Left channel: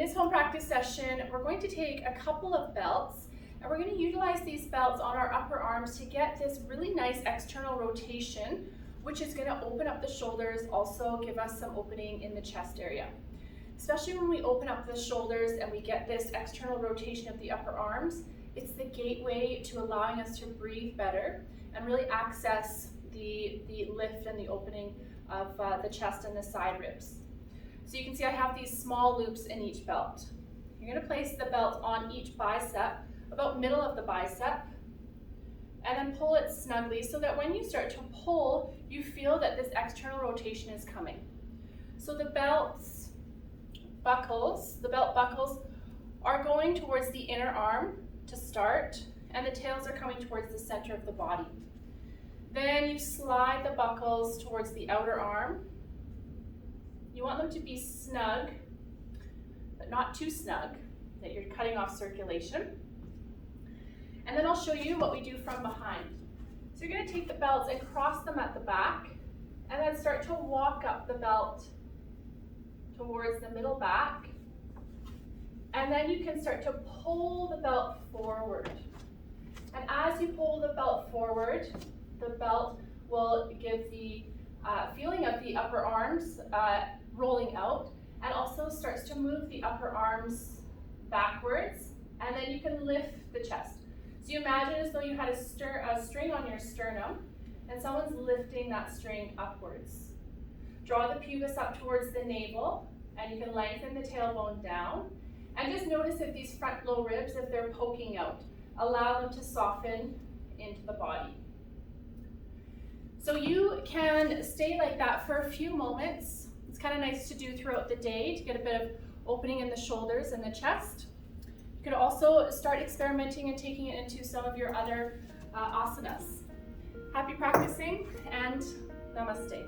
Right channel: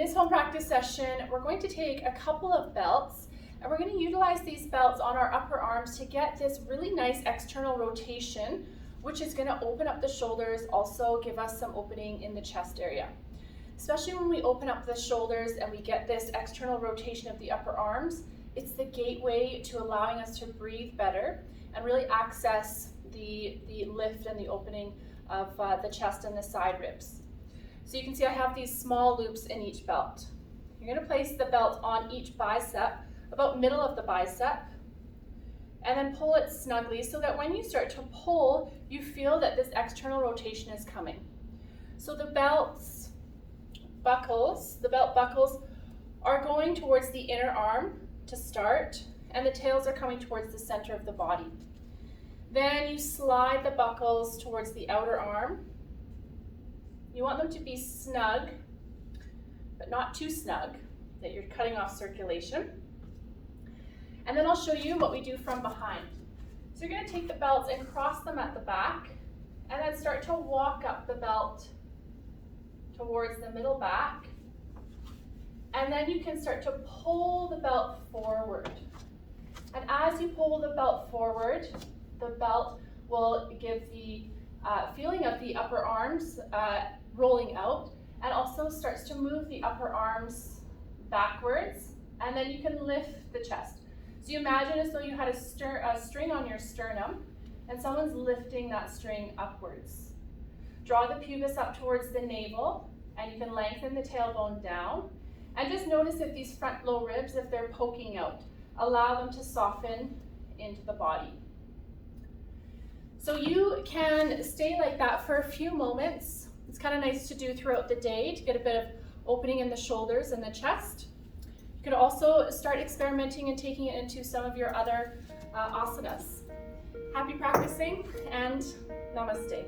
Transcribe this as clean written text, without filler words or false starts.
this home practice session, we're going to take a couple of belts and we're going to utilize these belts on our upper arms to get this really nice external rotation, which is going to open up the shoulders, also give us some opening in the chest area. Especially when we open up the shoulders and we get this external rotation of the upper arms, it's the gateway to allowing us to breathe better and really access the lift and the opening of the chest and the side ribs. So you can see I have these small loops in each belt. You're going to place the belt on each bicep, about middle of the bicep, and then pull it snugly so that when you start to pull, you feel that this external rotation is coming. So the belt buckles are going towards the inner arm to start, and the tails are coming towards the center of the body. Then you slide the buckles towards the outer arm. You want them to be snug, but not too snug, that you're cutting off circulation. And then I'll show you what we do from behind. So you're going to take the belts and cross them at the back, and then start to walk up the belt towards the middle back. And then you can start to pull the belt forward. And as you pull the belt forward, the belt will give the feeling of the upper arms rolling out, and also starts to move the upper arms backwards, and then you can lift the chest. So you imagine as though you had a string on your sternum, and someone's lifting that string upwards. Draw the pubis up towards the navel, and you can lengthen the tailbone down. And just notice if these front low ribs, if they're poking out, allow them to soften into the body. So you can stay like that for a few moments. It's kind of nice to do throughout the day to get a bit of opening in the shoulders and the chest. You could also start experimenting and taking it into some of your other asanas. Happy practicing, and namaste.